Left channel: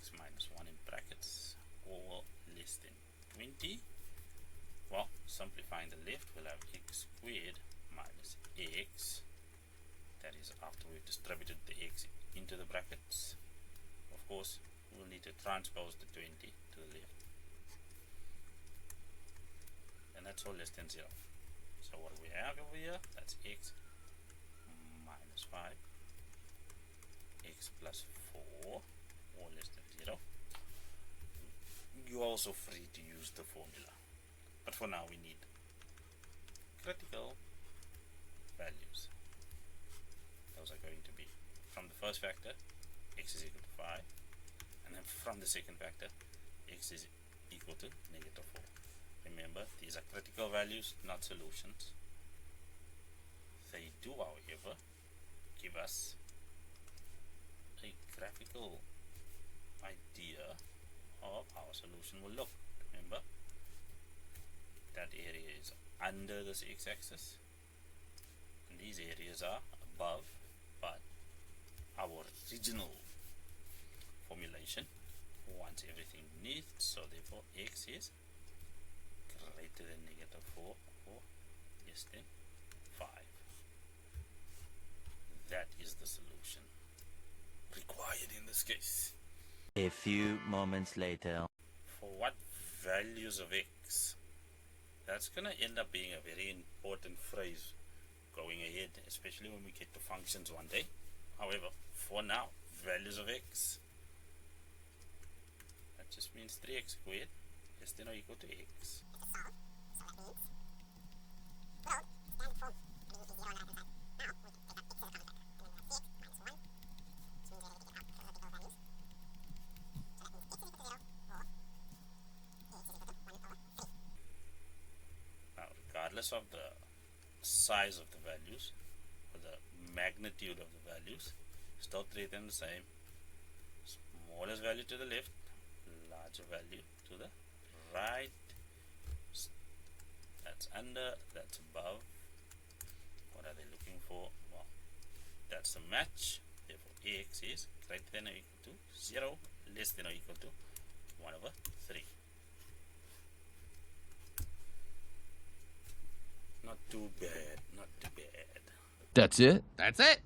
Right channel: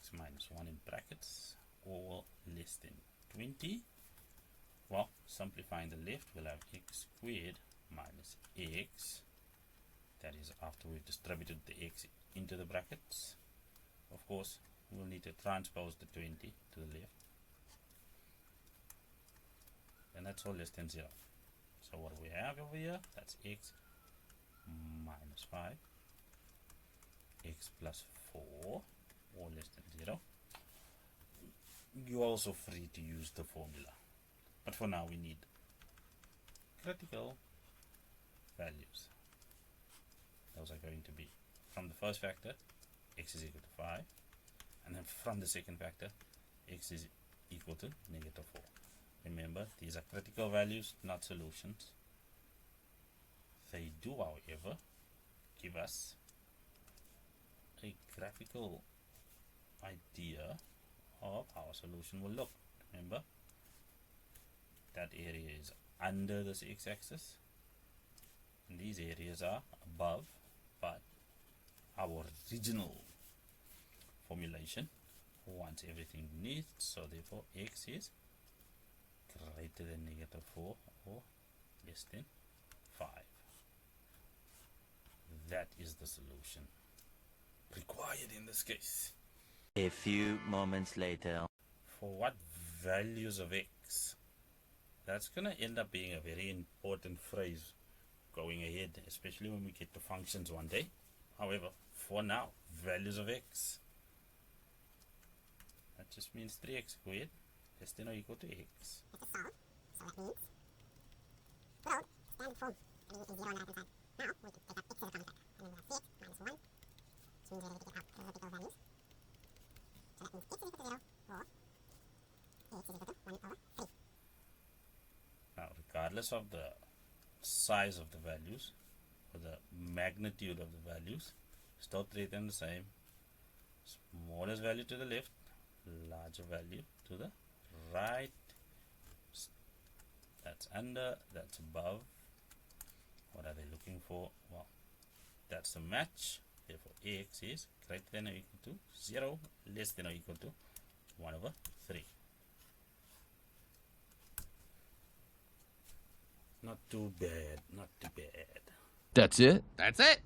x minus 1 in brackets, or less than 20. Well, simplifying the left, we'll have x squared minus x. That is after we've distributed the x into the brackets. Of course, we'll need to transpose the 20 to the left. And that's all less than 0. So what do we have over here? That's x minus 5, x plus 4, or less than 0. You're also free to use the formula. But for now we need critical values. Those are going to be from the first factor, x is equal to 5, and then from the second factor, x is equal to negative 4. Remember, these are critical values, not solutions. They do, however, give us a graphical idea of how a solution will look. Remember, that area is under this x-axis, and these areas are above, but our original formulation wants everything beneath, so therefore x is greater than negative 4 or less than 5. That is the solution required in this case. A few moments later. For what values of x? That's going to end up being a very important phrase going ahead, especially when we get to functions one day. However, for now, values of x. That just means 3x squared less than or equal to x. Now, regardless of the size of the values or the magnitude of the values, still treat them the same. Smallest value to the left, larger value to the right. That's under, that's above. What are they looking for? Well, that's a match. Therefore, ax is greater than or equal to 0, less than or equal to 1 over 3. Not too bad, not too bad. That's it? That's it.